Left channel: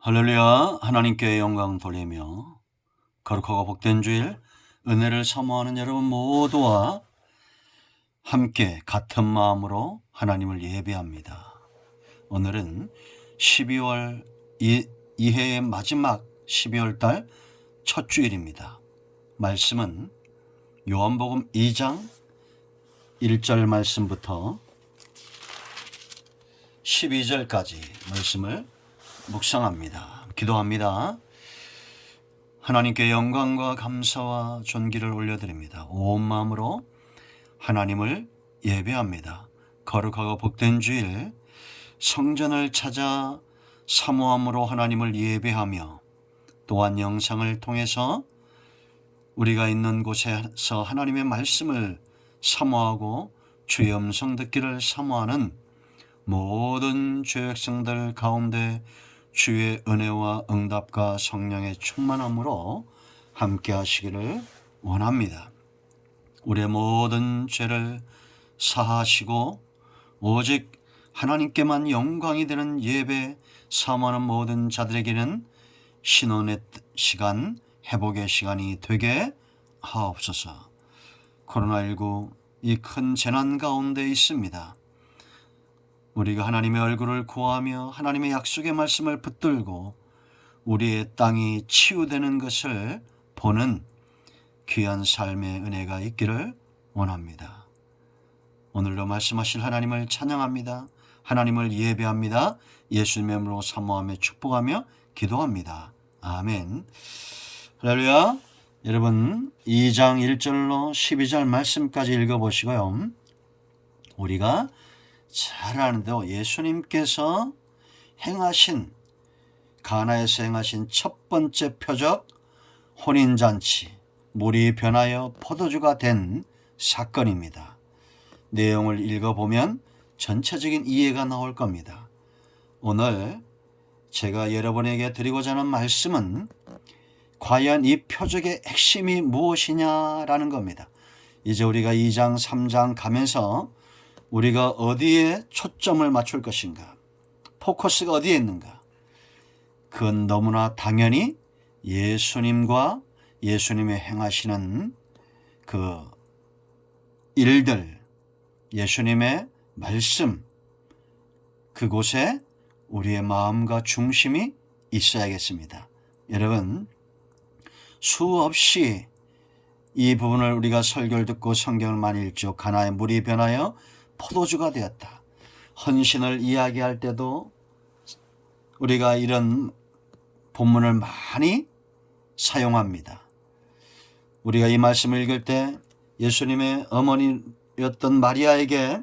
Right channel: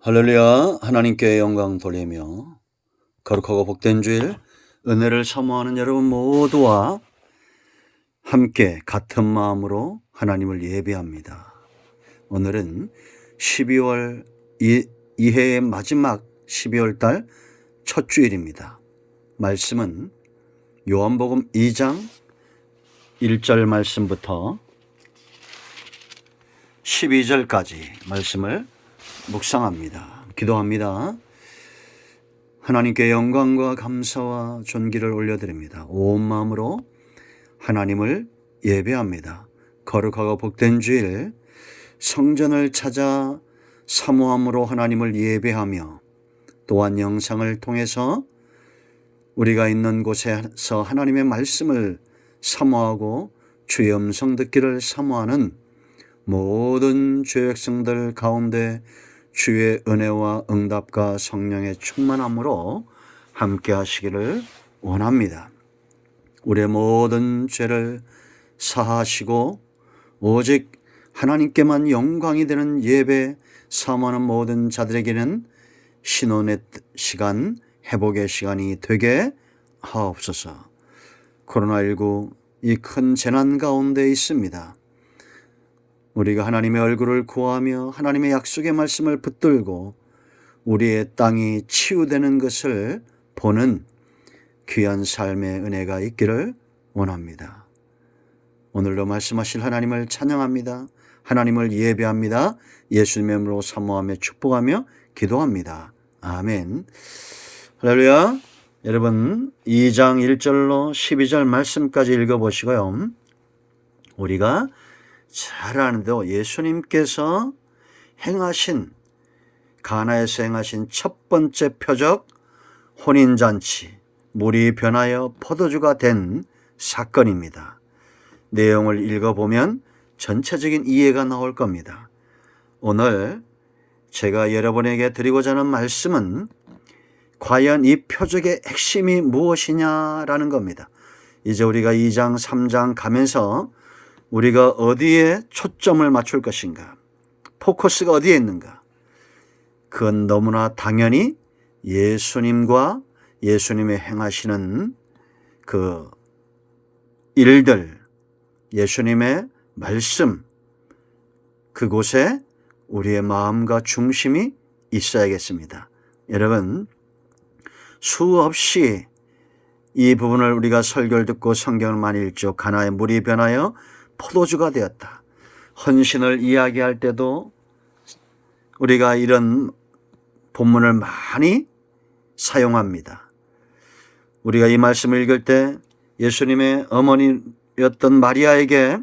할렐루야. 하나님께 영광 돌리며 거룩하고 복된 주일 은혜를 사모하는 여러분 모두와 함께 같은 마음으로 하나님을 예배합니다. 오늘은 12월 이해의 마지막 12월 달 첫 주일입니다. 말씀은 요한복음 2장 1절 말씀부터 12절까지 말씀을 묵상합니다. 기도합니다. 하나님께 영광과 감사와 존귀를 올려드립니다. 온 마음으로 하나님을 예배합니다. 거룩하고 복된 주일 성전을 찾아 사모함으로 하나님을 예배하며 또한 영상을 통해서 우리가 있는 곳에서 하나님의 말씀을 사모하고 주의 음성 듣기를 사모하는 모든 주의 백성들 가운데 주의 은혜와 응답과 성령의 충만함으로 함께 하시기를 원합니다. 우리의 모든 죄를 사하시고 오직 하나님께만 영광이 되는 예배 사모하는 모든 자들에게는 신원의 시간, 회복의 시간이 되게 하옵소서. 코로나19 이 큰 재난 가운데 있습니다. 우리가 하나님의 얼굴을 구하며 하나님의 약속의 말씀을 붙들고 우리의 땅이 치유되는 것을 보는 귀한 삶의 은혜가 있기를 원합니다. 오늘도 말씀하실 하나님을 찬양합니다. 하나님을 예배합니다. 예수님의 이름으로 사모하며 축복하며 기도합니다. 아멘. 할렐루야. 여러분 2장 1절로 12절 말씀까지 읽어보시고요. 우리가 잘 아는데요. 예수님께서 행하신 가나에서 행하신 첫 번째 표적 혼인잔치, 물이 변하여 포도주가 된 사건입니다. 내용을 읽어보면 전체적인 이해가 나올 겁니다. 오늘 제가 여러분에게 드리고자 하는 말씀은 과연 이 표적의 핵심이 무엇이냐라는 겁니다. 이제 우리가 2장 3장 가면서 우리가 어디에 초점을 맞출 것인가, 포커스가 어디에 있는가. 그건 너무나 당연히 예수님과 예수님의 행하시는 그 일들, 예수님의 말씀, 그곳에 우리의 마음과 중심이 있어야겠습니다. 여러분, 수없이 이 부분을 우리가 설교를 듣고 성경을 많이 읽죠. 가나의 물이 변하여 포도주가 되었다. 헌신을 이야기할 때도 우리가 이런 본문을 많이 사용합니다. 우리가 이 말씀을 읽을 때 예수님의 어머니였던 마리아에게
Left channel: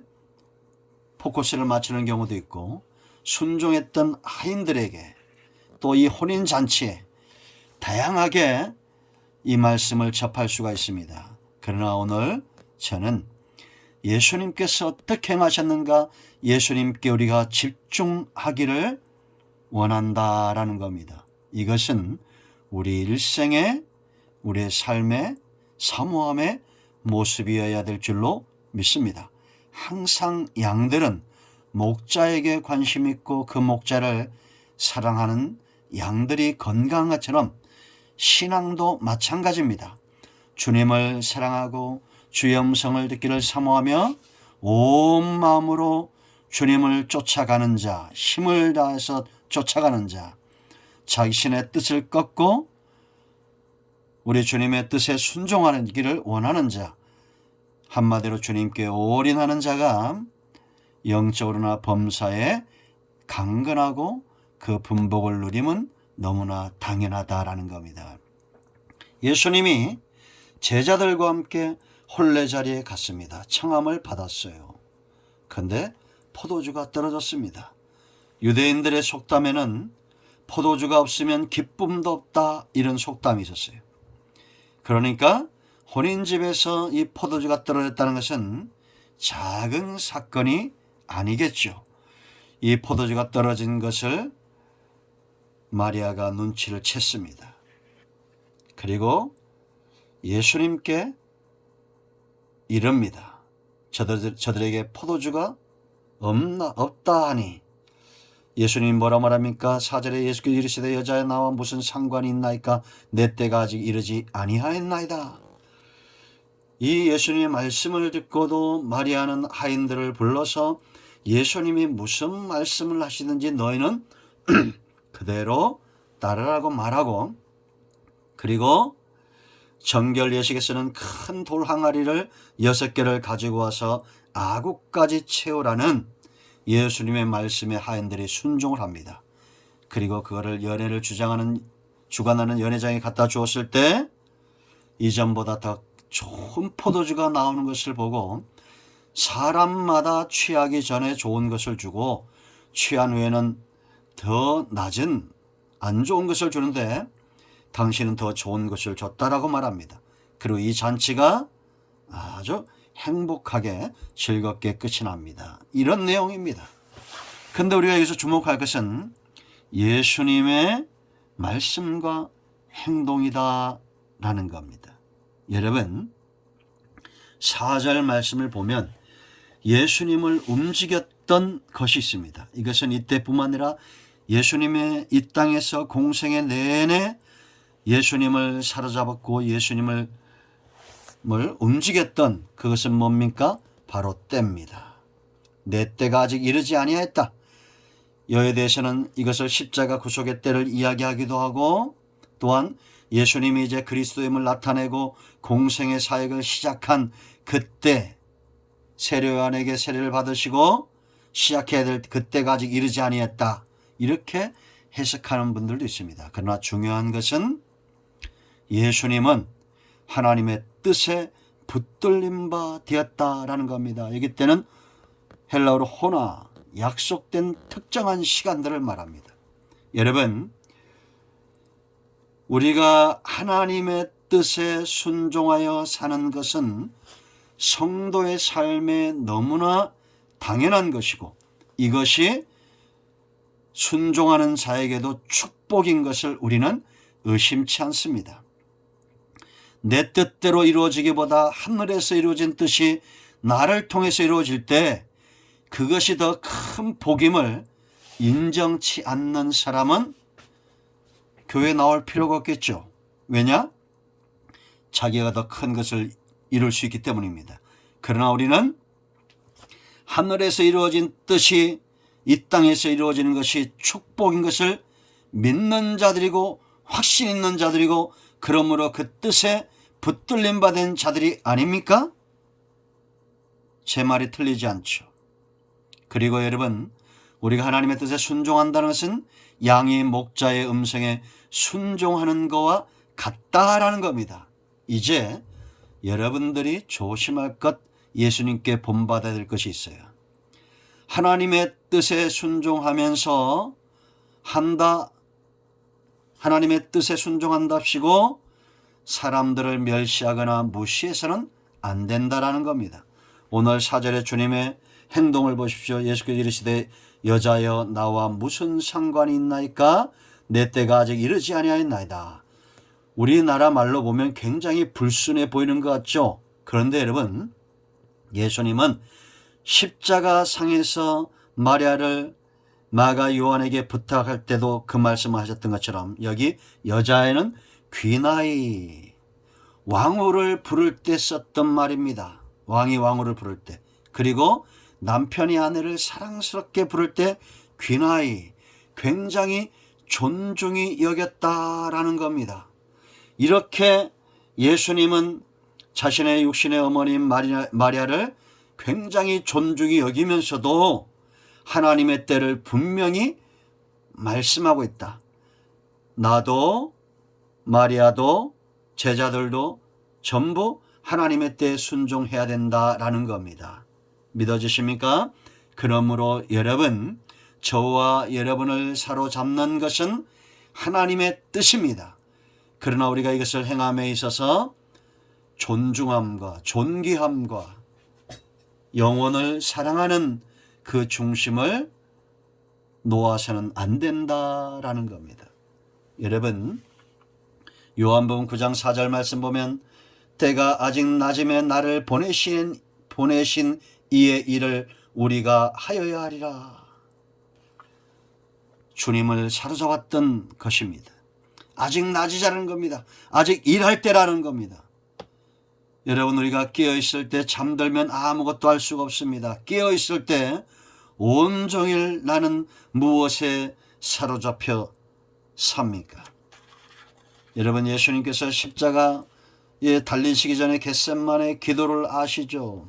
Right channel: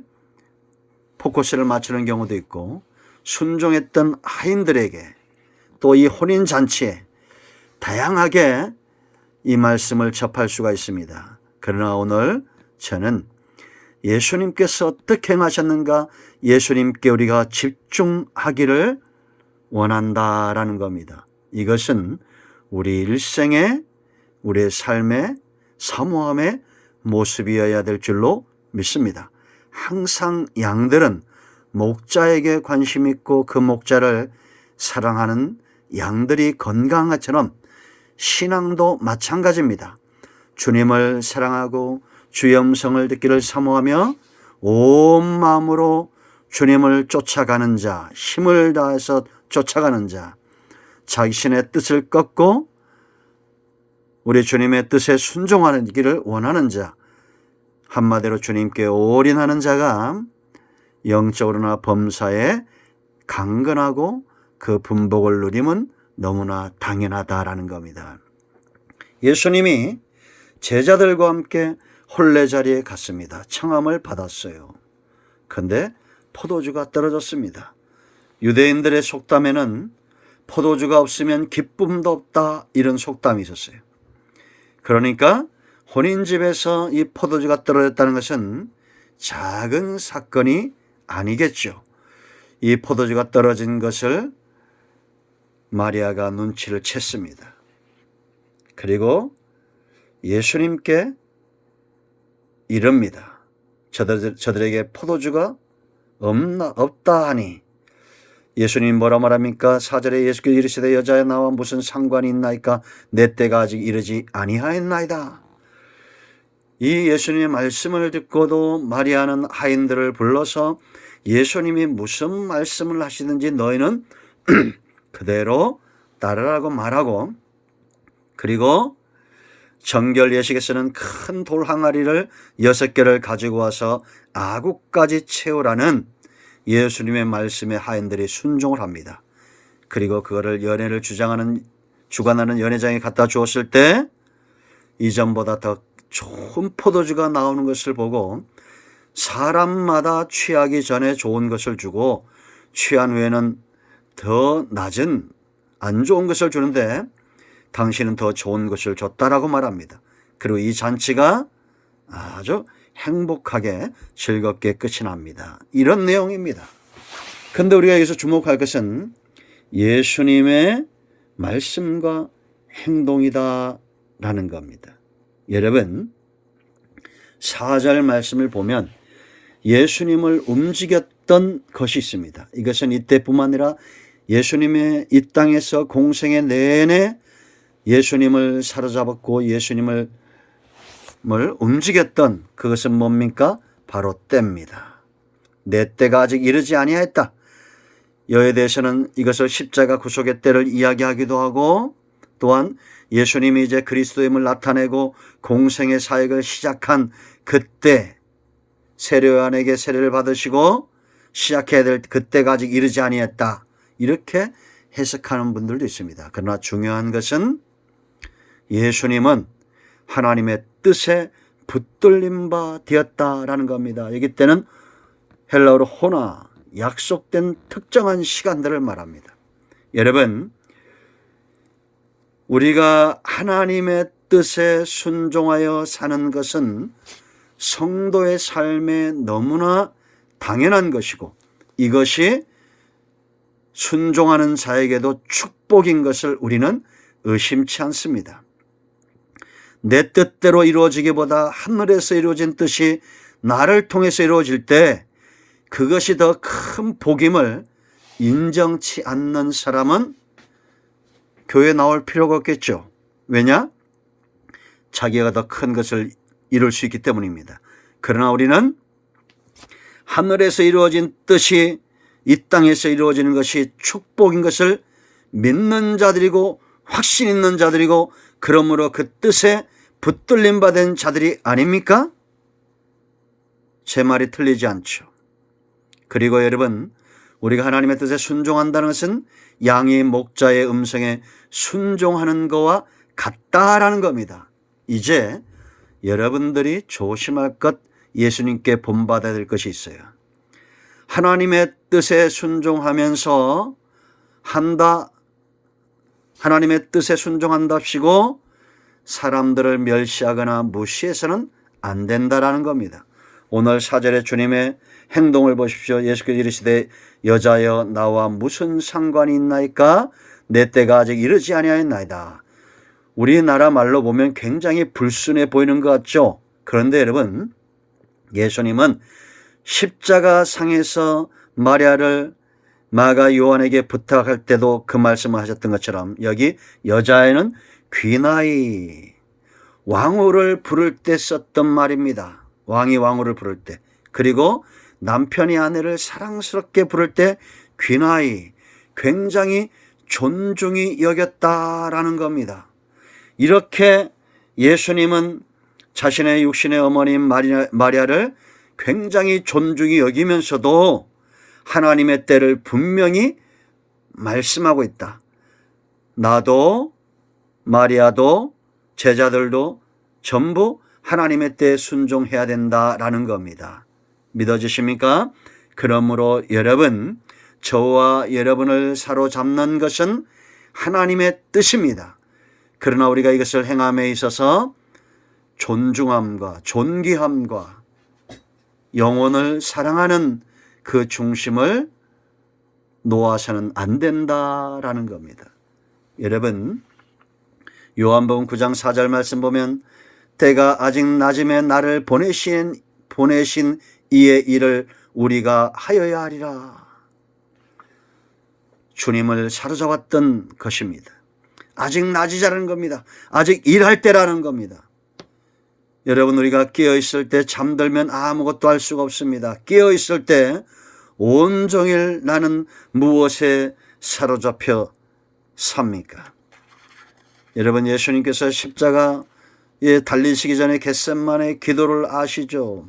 포커스를 맞추는 경우도 있고 순종했던 하인들에게 또 이 혼인잔치에 다양하게 이 말씀을 접할 수가 있습니다. 그러나 오늘 저는 예수님께서 어떻게 행하셨는가, 예수님께 우리가 집중하기를 원한다라는 겁니다. 이것은 우리 일생의, 우리의 삶의 사모함의 모습이어야 될 줄로 믿습니다. 항상 양들은 목자에게 관심 있고 그 목자를 사랑하는 양들이 건강한 것처럼 신앙도 마찬가지입니다. 주님을 사랑하고 주의 음성을 듣기를 사모하며 온 마음으로 주님을 쫓아가는 자, 힘을 다해서 쫓아가는 자, 자신의 뜻을 꺾고 우리 주님의 뜻에 순종하는 길을 원하는 자, 한마디로 주님께 올인하는 자가 영적으로나 범사에 강건하고 그 분복을 누림은 너무나 당연하다라는 겁니다. 예수님이 제자들과 함께 혼례자리에 갔습니다. 청함을 받았어요. 그런데 포도주가 떨어졌습니다. 유대인들의 속담에는 포도주가 없으면 기쁨도 없다, 이런 속담이 있었어요. 그러니까 혼인집에서 이 포도주가 떨어졌다는 것은 작은 사건이 아니겠죠. 이 포도주가 떨어진 것을 마리아가 눈치를 챘습니다. 그리고 예수님께 이릅니다. 저들에게 포도주가 없다 하니 예수님 뭐라 말합니까? 4절에 예수께서 이르시되 여자여 나와 무슨 상관이 있나이까? 내 때가 아직 이르지 아니하였나이다. 이 예수님의 말씀을 듣고도 마리아는 하인들을 불러서 예수님이 무슨 말씀을 하시든지 너희는 그대로 따르라고 말하고, 그리고 정결 예식에서는 큰 돌 항아리를 6개를 가지고 와서 아구까지 채우라는 예수님의 말씀에 하인들이 순종을 합니다. 그리고 그거를 연회를 주관하는 연회장에 갖다 주었을 때 이전보다 더 좋은 포도주가 나오는 것을 보고 사람마다 취하기 전에 좋은 것을 주고 취한 후에는 더 낮은 안 좋은 것을 주는데 당신은 더 좋은 것을 줬다라고 말합니다. 그리고 이 잔치가 아주 행복하게 즐겁게 끝이 납니다. 이런 내용입니다. 그런데 우리가 여기서 주목할 것은 예수님의 말씀과 행동이다라는 겁니다. 여러분, 4절 말씀을 보면 예수님을 움직였던 것이 있습니다. 이것은 이때뿐만 아니라 예수님의 이 땅에서 공생애 내내 예수님을 사로잡았고 예수님을 움직였던 그것은 뭡니까? 바로 때입니다. 내 때가 아직 이르지 아니하였다. 여에 대해서는 이것을 십자가 구속의 때를 이야기하기도 하고, 또한 예수님이 이제 그리스도임을 나타내고 공생의 사역을 시작한 그때 세례요한에게 세례를 받으시고 시작해야 될 그때가 아직 이르지 아니했다, 이렇게 해석하는 분들도 있습니다. 그러나 중요한 것은 예수님은 하나님의 뜻에 붙들림 바 되었다라는 겁니다. 여기 때는 헬라어로 호나, 약속된 특정한 시간들을 말합니다. 여러분, 우리가 하나님의 뜻에 순종하여 사는 것은 성도의 삶에 너무나 당연한 것이고 이것이 순종하는 자에게도 축복인 것을 우리는 의심치 않습니다. 내 뜻대로 이루어지기보다 하늘에서 이루어진 뜻이 나를 통해서 이루어질 때 그것이 더 큰 복임을 인정치 않는 사람은 교회에 나올 필요가 없겠죠. 왜냐? 자기가 더 큰 것을 이룰 수 있기 때문입니다. 그러나 우리는 하늘에서 이루어진 뜻이 이 땅에서 이루어지는 것이 축복인 것을 믿는 자들이고 확신 있는 자들이고 그러므로 그 뜻에 붙들림 받은 자들이 아닙니까? 제 말이 틀리지 않죠. 그리고 여러분, 우리가 하나님의 뜻에 순종한다는 것은 양이 목자의 음성에 순종하는 것과 같다라는 겁니다. 이제 여러분들이 조심할 것, 예수님께 본받아야 될 것이 있어요. 하나님의 뜻에 순종하면서 하나님의 뜻에 순종한답시고 사람들을 멸시하거나 무시해서는 안 된다라는 겁니다. 오늘 4절에 주님의 행동을 보십시오. 예수께서 이르시되 여자여 나와 무슨 상관이 있나이까? 내 때가 아직 이르지 아니하였나이다. 우리나라 말로 보면 굉장히 불순해 보이는 것 같죠? 그런데 여러분, 예수님은 십자가 상에서 마리아를 마가 요한에게 부탁할 때도 그 말씀을 하셨던 것처럼 여기 여자애는 귀나이, 왕후를 부를 때 썼던 말입니다. 왕이 왕후를 부를 때, 그리고 남편이 아내를 사랑스럽게 부를 때 귀나이, 굉장히 존중이 여겼다라는 겁니다. 이렇게 예수님은 자신의 육신의 어머니 마리아를 굉장히 존중히 여기면서도 하나님의 때를 분명히 말씀하고 있다. 나도 마리아도 제자들도 전부 하나님의 때에 순종해야 된다라는 겁니다. 믿어지십니까? 그러므로 여러분, 저와 여러분을 사로잡는 것은 하나님의 뜻입니다. 그러나 우리가 이것을 행함에 있어서 존중함과 존귀함과 영혼을 사랑하는 그 중심을 놓아서는 안 된다라는 겁니다. 여러분, 요한복음 9장 4절 말씀 보면 때가 아직 낮음에 나를 보내신 이의 일을 우리가 하여야 하리라. 주님을 사로잡았던 것입니다. 아직 낮이 자라는 겁니다. 아직 일할 때라는 겁니다. 여러분, 우리가 깨어있을 때 잠들면 아무것도 할 수가 없습니다. 깨어있을 때 온종일 나는 무엇에 사로잡혀 삽니까? 여러분, 예수님께서 십자가에 달리시기 전에 겟셋마네 기도를 아시죠?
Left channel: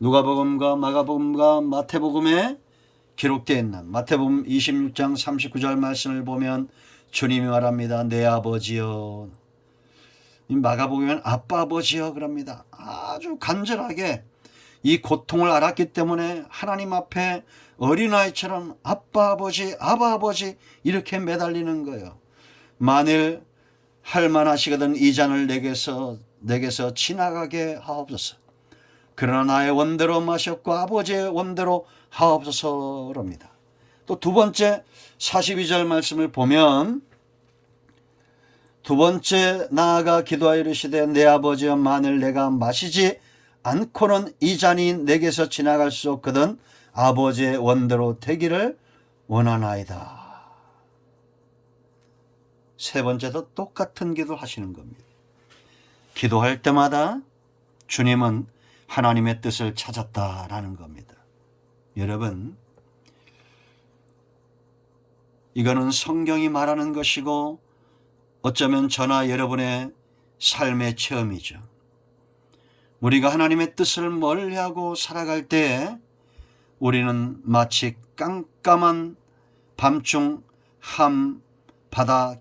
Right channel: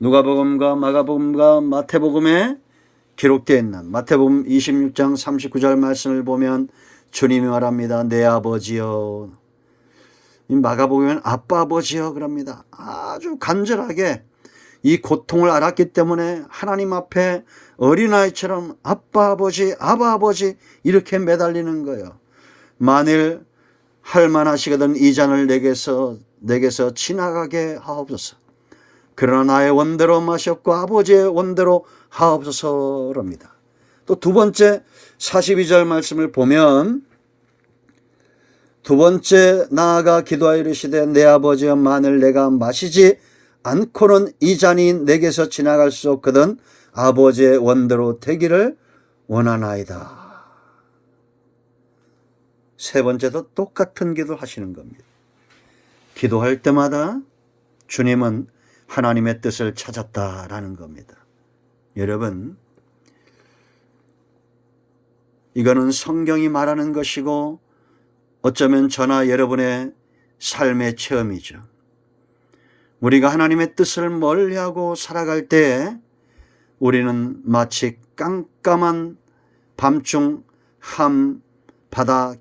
누가복음과 마가복음과 마태복음에 기록되어 있는 마태복음 26장 39절 말씀을 보면 주님이 말합니다. 내 아버지여. 마가복음에는 아빠 아버지여 그럽니다. 아주 간절하게 이 고통을 알았기 때문에 하나님 앞에 어린아이처럼 아빠 아버지 아바 아버지 이렇게 매달리는 거예요. 만일 할만하시거든 이 잔을 내게서 지나가게 하옵소서. 그러나 나의 원대로 마셨고 아버지의 원대로 하옵소서랍니다. 또 두 번째 42절 말씀을 보면 두 번째 나아가 기도하여 이르시되 내 아버지여 만일 내가 마시지 않고는 이 잔이 내게서 지나갈 수 없거든 아버지의 원대로 되기를 원하나이다. 세 번째도 똑같은 기도를 하시는 겁니다. 기도할 때마다 주님은 하나님의 뜻을 찾았다라는 겁니다. 여러분, 이거는 성경이 말하는 것이고 어쩌면 저나 여러분의 삶의 체험이죠. 우리가 하나님의 뜻을 멀리하고 살아갈 때 우리는 마치 깜깜한 밤중 바다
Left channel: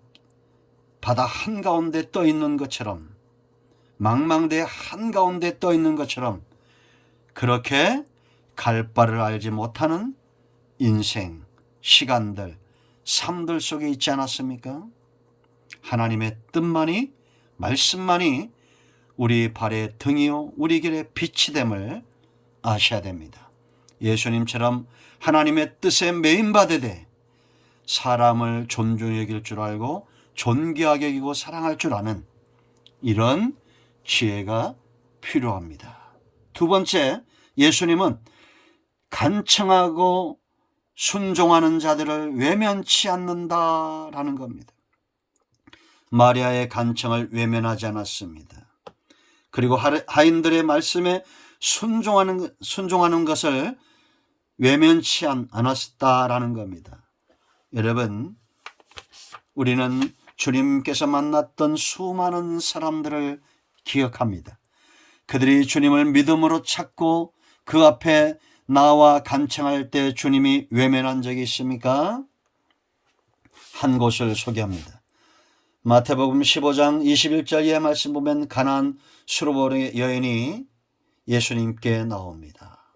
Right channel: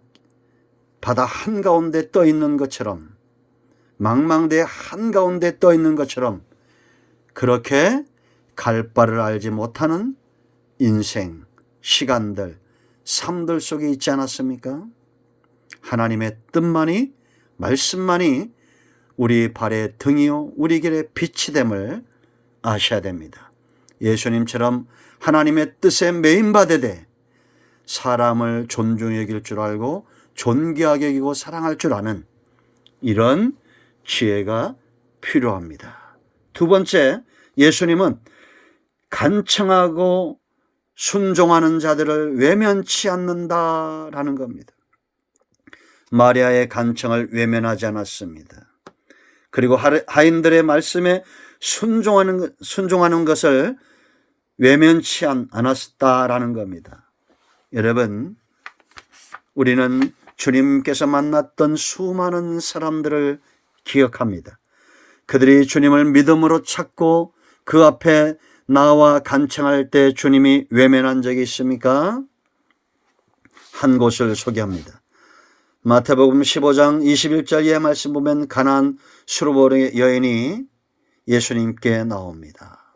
한가운데 떠 있는 것처럼, 망망대해 한가운데 떠 있는 것처럼 그렇게 갈 바를 알지 못하는 인생, 시간들, 삶들 속에 있지 않았습니까? 하나님의 뜻만이, 말씀만이 우리 발의 등이요 우리 길의 빛이 됨을 아셔야 됩니다. 예수님처럼 하나님의 뜻에 매인받으되 사람을 존중히 여길 줄 알고 존귀하게 여기고 사랑할 줄 아는 이런 지혜가 필요합니다. 두 번째, 예수님은 간청하고 순종하는 자들을 외면치 않는다라는 겁니다. 마리아의 간청을 외면하지 않았습니다. 그리고 하인들의 말씀에 순종하는 것을 외면치 않았다라는 겁니다. 여러분, 우리는 주님께서 만났던 수많은 사람들을 기억합니다. 그들이 주님을 믿음으로 찾고 그 앞에 나와 간청할 때 주님이 외면한 적이 있습니까? 한 곳을 소개합니다. 마태복음 15장 21절 이하 말씀 보면 가나안 수르보의 여인이 예수님께 나옵니다.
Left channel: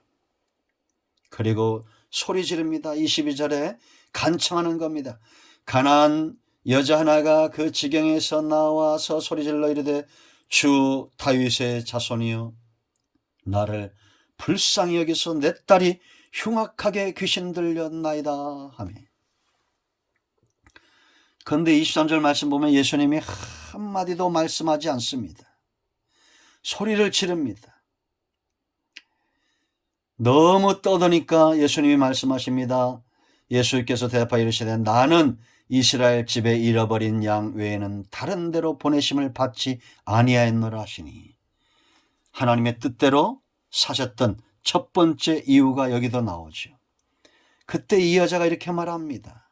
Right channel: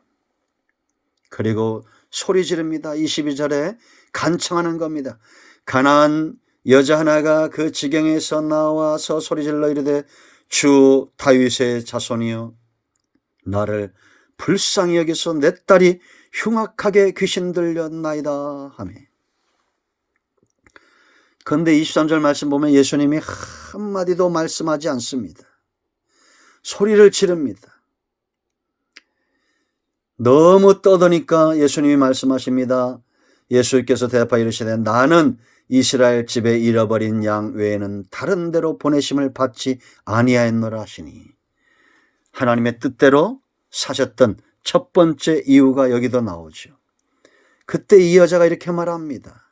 그리고 소리 지릅니다. 22절에 간청하는 겁니다. 가나안 여자 하나가 그 지경에서 나와서 소리질러 이르되 주 다윗의 자손이여 나를 불쌍히 여기서 내 딸이 흉악하게 귀신 들렸나이다 하며. 그런데 23절 말씀 보면 예수님이 한마디도 말씀하지 않습니다. 소리를 지릅니다. 너무 떠드니까 예수님이 말씀하십니다. 예수께서 대답하여 이르시되 나는 이스라엘 집에 잃어버린 양 외에는 다른 데로 보내심을 받지 아니하였노라 하시니, 하나님의 뜻대로 사셨던 첫 번째 이유가 여기도 나오죠. 그때 이 여자가 이렇게 말합니다.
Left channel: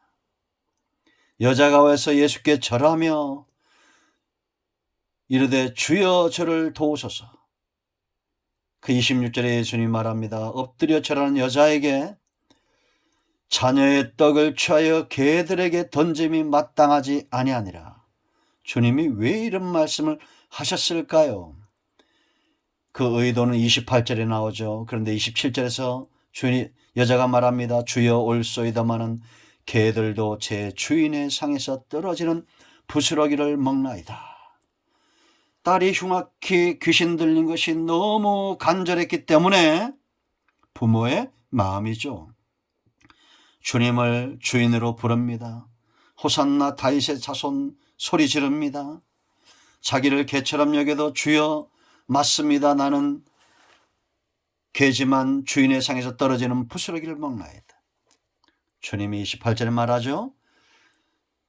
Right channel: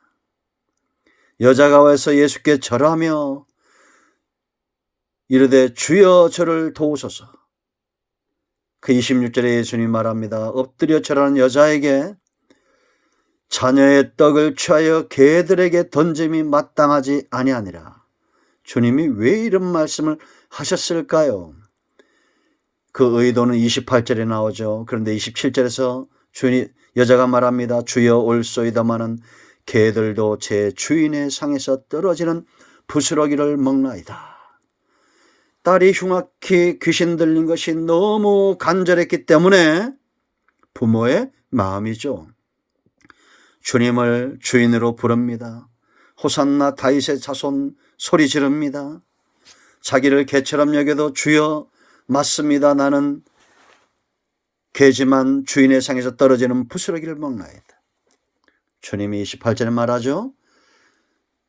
여자가 와서 예수께 절하며 이르되 주여 저를 도우소서. 그 26절에 예수님이 말합니다. 엎드려 절하는 여자에게 자녀의 떡을 취하여 개들에게 던짐이 마땅하지 아니하니라. 주님이 왜 이런 말씀을 하셨을까요? 그 의도는 28절에 나오죠. 그런데 27절에서 여자가 말합니다. 주여 올소이다마는 개들도 제 주인의 상에서 떨어지는 부스러기를 먹나이다. 딸이 흉악히 귀신 들린 것이 너무 간절했기 때문에 부모의 마음이죠. 주님을 주인으로 부릅니다. 호산나 다윗의 자손 소리 지릅니다. 자기를 개처럼 여겨도 주여 맞습니다. 나는 개지만 주인의 상에서 떨어지는 부스러기를 먹나이다. 주님이 28절에 말하죠.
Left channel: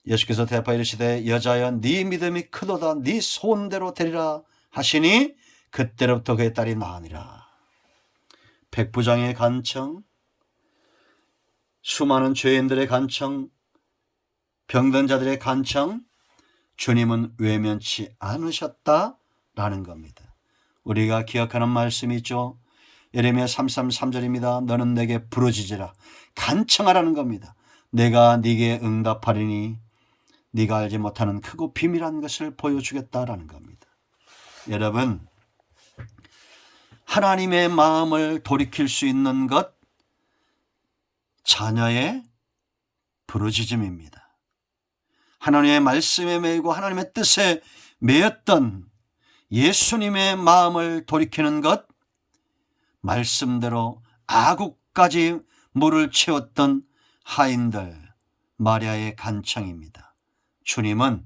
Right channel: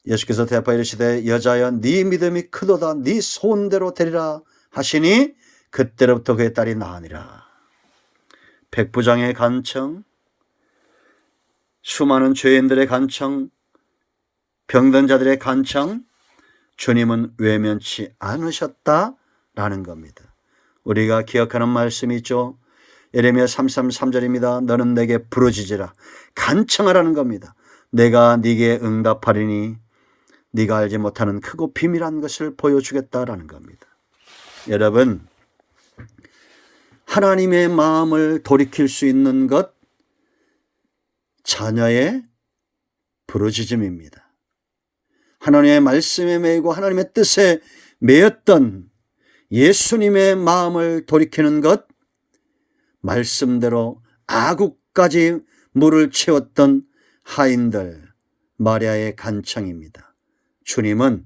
예수께서 대답하여 이르시되 여자여 네 믿음이 크도다 네 소원대로 되리라 하시니 그때로부터 그의 딸이 나으니라. 백부장의 간청, 수많은 죄인들의 간청, 병든 자들의 간청, 주님은 외면치 않으셨다라는 겁니다. 우리가 기억하는 말씀이 있죠. 예레미야 33:3절입니다. 너는 내게 부르짖으라. 간청하라는 겁니다. 내가 네게 응답하리니 네가 알지 못하는 크고 비밀한 것을 보여주겠다라는 겁니다. 여러분, 하나님의 마음을 돌이킬 수 있는 것, 자녀의 부르짖음입니다. 하나님의 말씀에 매이고 하나님의 뜻에 매였던 예수님의 마음을 돌이키는 것, 말씀대로 아구까지 물을 채웠던 하인들, 마리아의 간청입니다. 주님은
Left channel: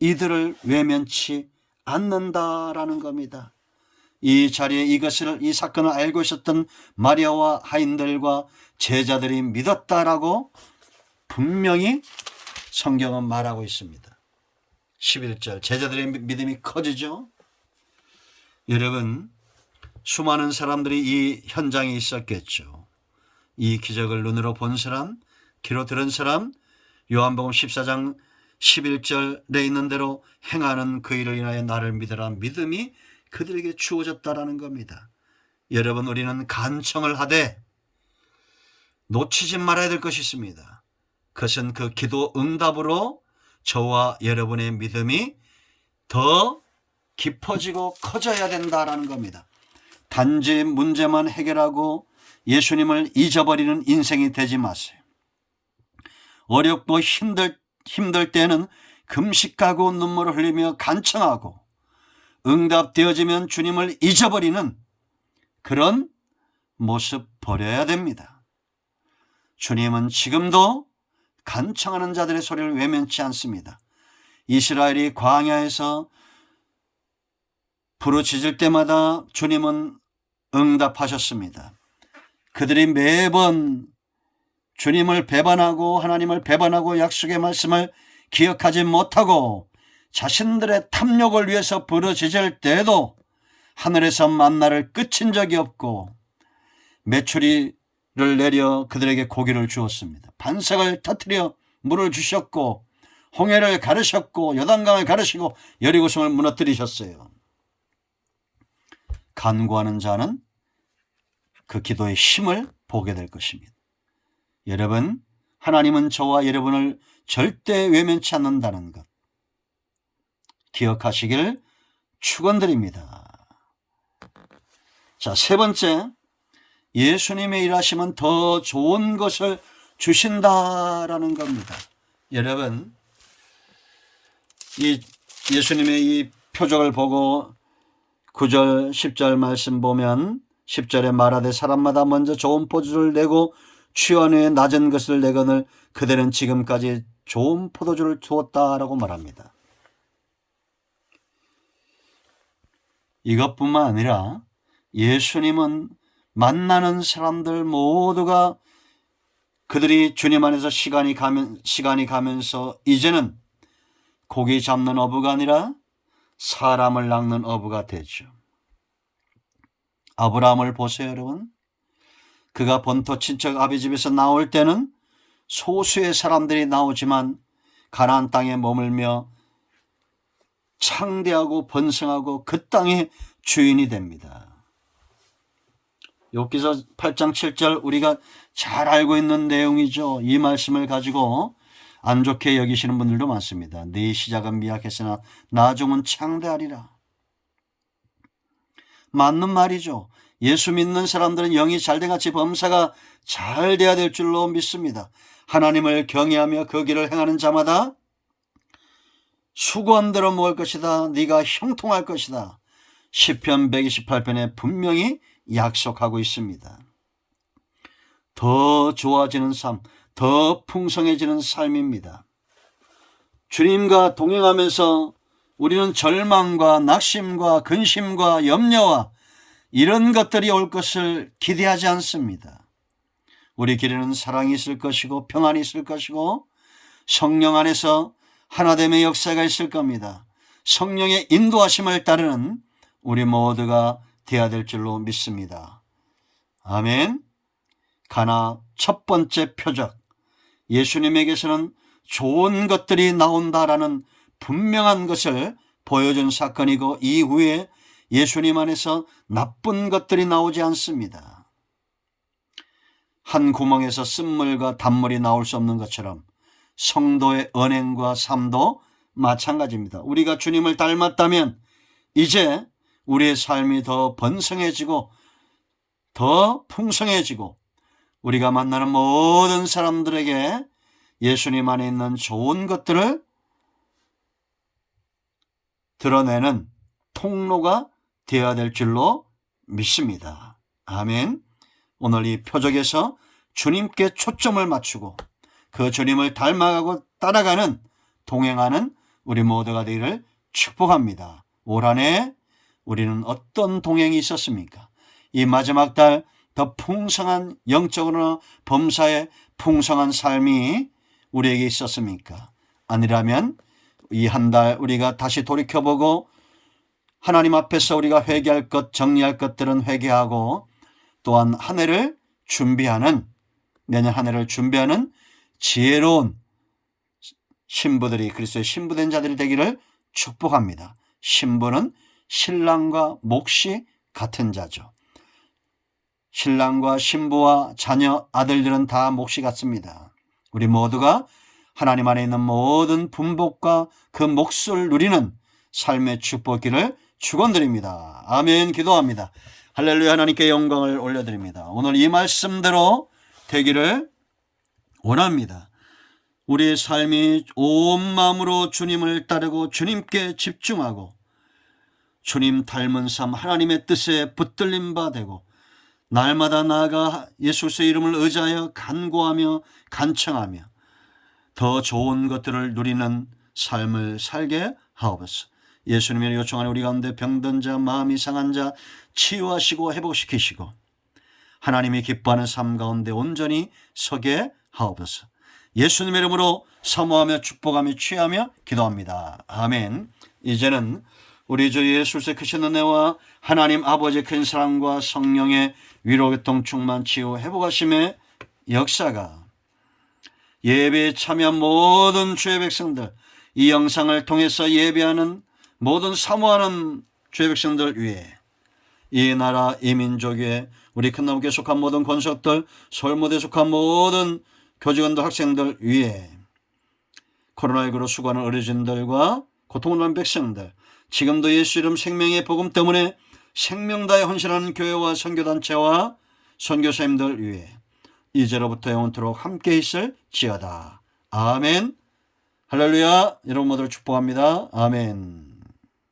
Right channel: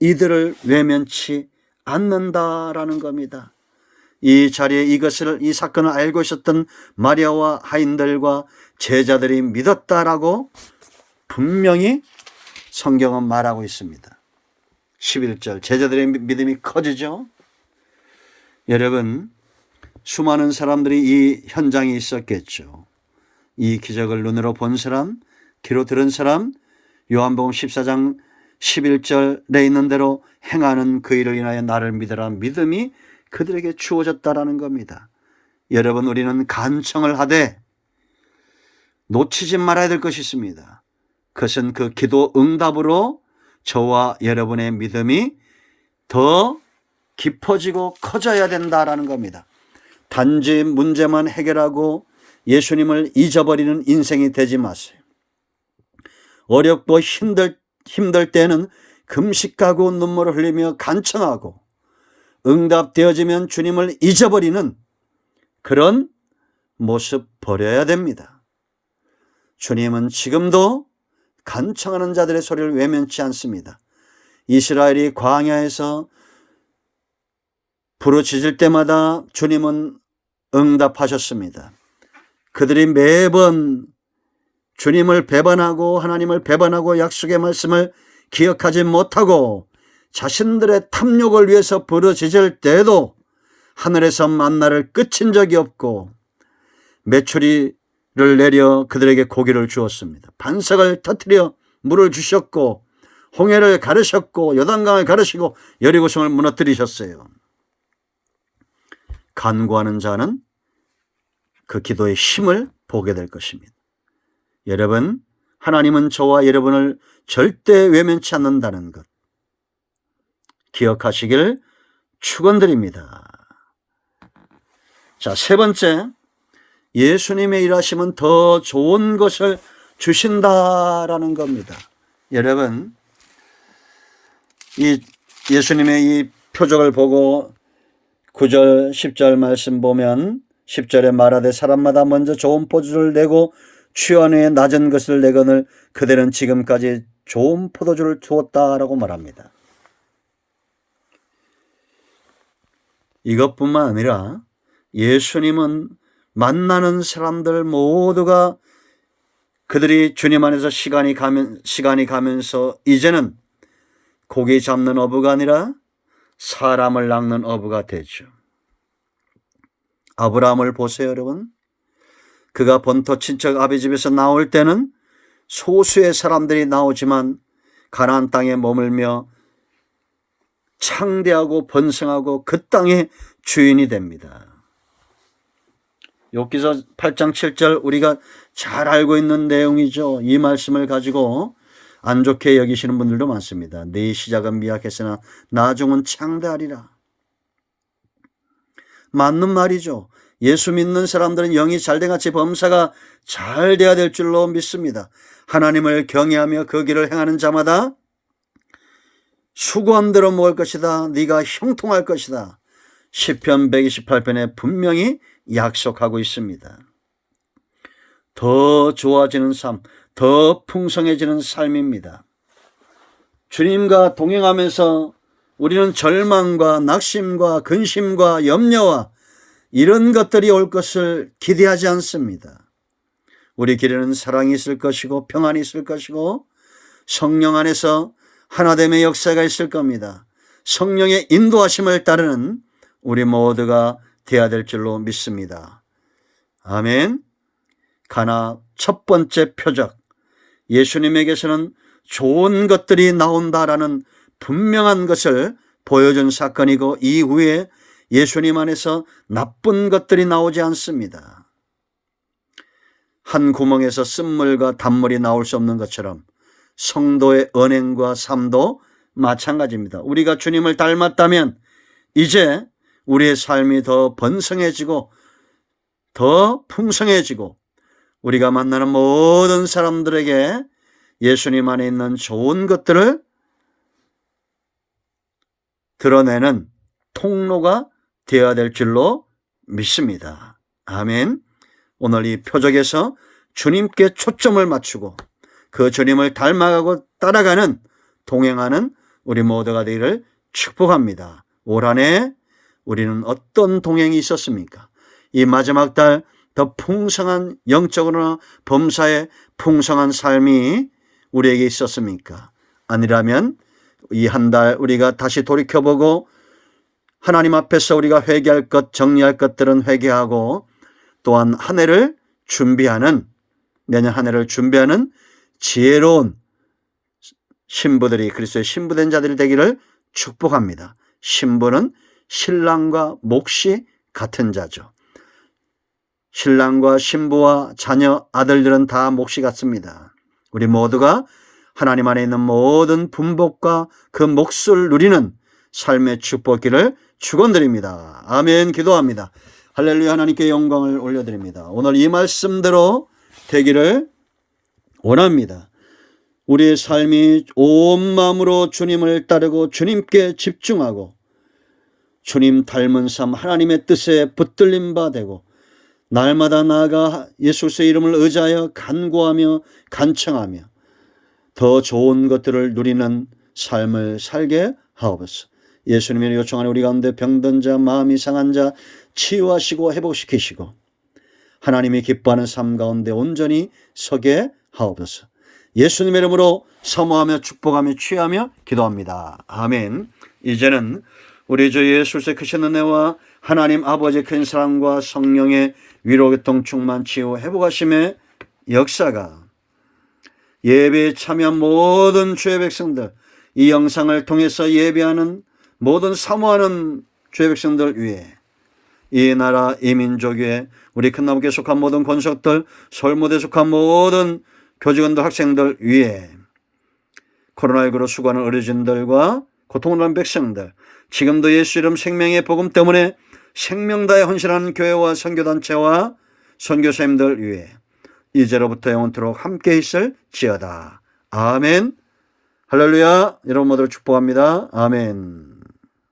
이들을 외면치 않는다라는 겁니다. 이 자리에 이 사건을 알고 있었던 마리아와 하인들과 제자들이 믿었다라고 분명히 성경은 말하고 있습니다. 11절, 제자들의 믿음이 커지죠. 여러분, 수많은 사람들이 이 현장에 있었겠죠. 이 기적을 눈으로 본 사람, 귀로 들은 사람, 요한복음 14장 11절에 있는 대로 행하는 그 일을 인하여 나를 믿으라 믿음이 그들에게 주어졌다라는 겁니다. 여러분, 우리는 간청을 하되 놓치지 말아야 될 것이 있습니다. 그것은 그 기도 응답으로 저와 여러분의 믿음이 더 깊어지고 커져야 된다라는 겁니다. 단지 문제만 해결하고 예수님을 잊어버리는 인생이 되지 마세요. 어렵고 힘들 때는 금식하고 눈물을 흘리며 간청하고 응답되어지면 주님을 잊어버리는 그런 모습 버려야 됩니다. 주님은 지금도 간청하는 자들의 소리를 외면치 않습니다. 이스라엘이 광야에서 부르짖을 때마다 주님은 응답하셨습니다. 그들이 매번 주님을 배반하고 하나님을 배반하고 약속의 말씀을 기억하지 못하고 자신들의 탐욕을 위해서 부르짖을 때에도 하늘에서 만나를 끝인 적이 없고 메추리를 내려 그들에게 고기를 주었습니다. 반석을 터뜨려 물을 주셨고 홍해를 가르셨고 요단강을 가르시고 여리고성을 무너뜨리셨어요. 간구하는 자는 그 기도의 힘을 보게 될 것입니다. 여러분, 하나님은 저와 여러분을 절대 외면치 않는다는 것 기억하시길 축원드립니다. 자, 세 번째, 예수님의 일하심은 더 좋은 것을 주신다라는 겁니다. 여러분, 이 예수님의 이 표적을 보고 9절 10절 말씀 보면 10절에 말하되 사람마다 먼저 좋은 포도주를 내고 취한 후에 낮은 것을 내거늘 그들은 지금까지 좋은 포도주를 주었다라고 말합니다. 이것뿐만 아니라 예수님은 만나는 사람들 모두가 그들이 주님 안에서 시간이 가면서 이제는 고기 잡는 어부가 아니라 사람을 낚는 어부가 되죠. 아브라함을 보세요, 여러분. 그가 본토 친척 아비 집에서 나올 때는 소수의 사람들이 나오지만 가나안 땅에 머물며 창대하고 번성하고 그 땅의 주인이 됩니다. 욥기서 8장 7절 우리가 잘 알고 있는 내용이죠. 이 말씀을 가지고 안 좋게 여기시는 분들도 많습니다. 네 시작은 미약했으나 나중은 창대하리라. 맞는 말이죠. 예수 믿는 사람들은 영이 잘돼같이 범사가 잘 돼야 될 줄로 믿습니다. 하나님을 경외하며 그 길을 행하는 자마다 수고한 대로 먹을 것이다. 네가 형통할 것이다. 시편 128편에 분명히 약속하고 있습니다. 더 좋아지는 삶, 더 풍성해지는 삶입니다. 주님과 동행하면서 우리는 절망과 낙심과 근심과 염려와 이런 것들이 올 것을 기대하지 않습니다. 우리 길에는 사랑이 있을 것이고 평안이 있을 것이고 성령 안에서 하나됨의 역사가 있을 겁니다. 성령의 인도하심을 따르는 우리 모두가 되어야 될 줄로 믿습니다. 아멘. 가나 첫 번째 표적, 예수님에게서는 좋은 것들이 나온다라는 분명한 것을 보여준 사건이고 이후에 예수님 안에서 나쁜 것들이 나오지 않습니다. 한 구멍에서 쓴물과 단물이 나올 수 없는 것처럼 성도의 언행과 삶도 마찬가지입니다. 우리가 주님을 닮았다면 이제 우리의 삶이 더 번성해지고 더 풍성해지고 우리가 만나는 모든 사람들에게 예수님 안에 있는 좋은 것들을 드러내는 통로가 되어야 될 줄로 믿습니다. 아멘. 오늘 이 표적에서 주님께 초점을 맞추고 그 주님을 닮아가고 따라가는 동행하는 우리 모두가 되기를 축복합니다. 올 한 해 우리는 어떤 동행이 있었습니까? 이 마지막 달 더 풍성한 영적으로나 범사의 풍성한 삶이 우리에게 있었습니까? 아니라면 이 한 달 우리가 다시 돌이켜보고 하나님 앞에서 우리가 회개할 것, 정리할 것들은 회개하고 또한 한 해를 준비하는, 내년 한 해를 준비하는 지혜로운 신부들이 그리스도의 신부된 자들이 되기를 축복합니다. 신부는 신랑과 몫이 같은 자죠. 신랑과 신부와 자녀, 아들들은 다 몫이 같습니다. 우리 모두가 하나님 안에 있는 모든 분복과 그 몫을 누리는 삶의 축복기를 축원드립니다. 아멘. 기도합니다. 할렐루야. 하나님께 영광을 올려드립니다. 오늘 이 말씀대로 되기를 원합니다. 우리의 삶이 온 마음으로 주님을 따르고 주님께 집중하고 주님 닮은 삶, 하나님의 뜻에 붙들림 바 되고 날마다 나아가 예수의 이름을 의지하여 간구하며 간청하며 더 좋은 것들을 누리는 삶을 살게 하옵소서. 예수님의 요청하는 우리 가운데 병든 자, 마음이 상한 자 치유하시고 회복시키시고 하나님이 기뻐하는 삶 가운데 온전히 서게 하옵소서. 예수님의 이름으로 사모하며 축복하며 취하며 기도합니다. 아멘. 이제는 우리 주 예수 그리스도의 크신 은혜와 하나님 아버지의 큰 사랑과 성령의 위로 교통 충만 치유 회복하심의 역사가 예배에 참여한 모든 주의 백성들, 이 영상을 통해서 예배하는 모든 사모하는 주의 백성들 위에, 이 나라 이 민족 위에, 우리 큰나무교에 속한 모든 권속들, 서울무대에 속한 모든 교직원들, 학생들 위에, 코로나19로 수고하는 어르신들과 고통을 받는 백성들, 지금도 예수 이름 생명의 복음 때문에 생명 다해 헌신하는 교회와 선교단체와 선교사님들 위해 이제로부터 영원토록 함께 있을지어다. 아멘. 할렐루야. 여러분 모두를 축복합니다. 아멘.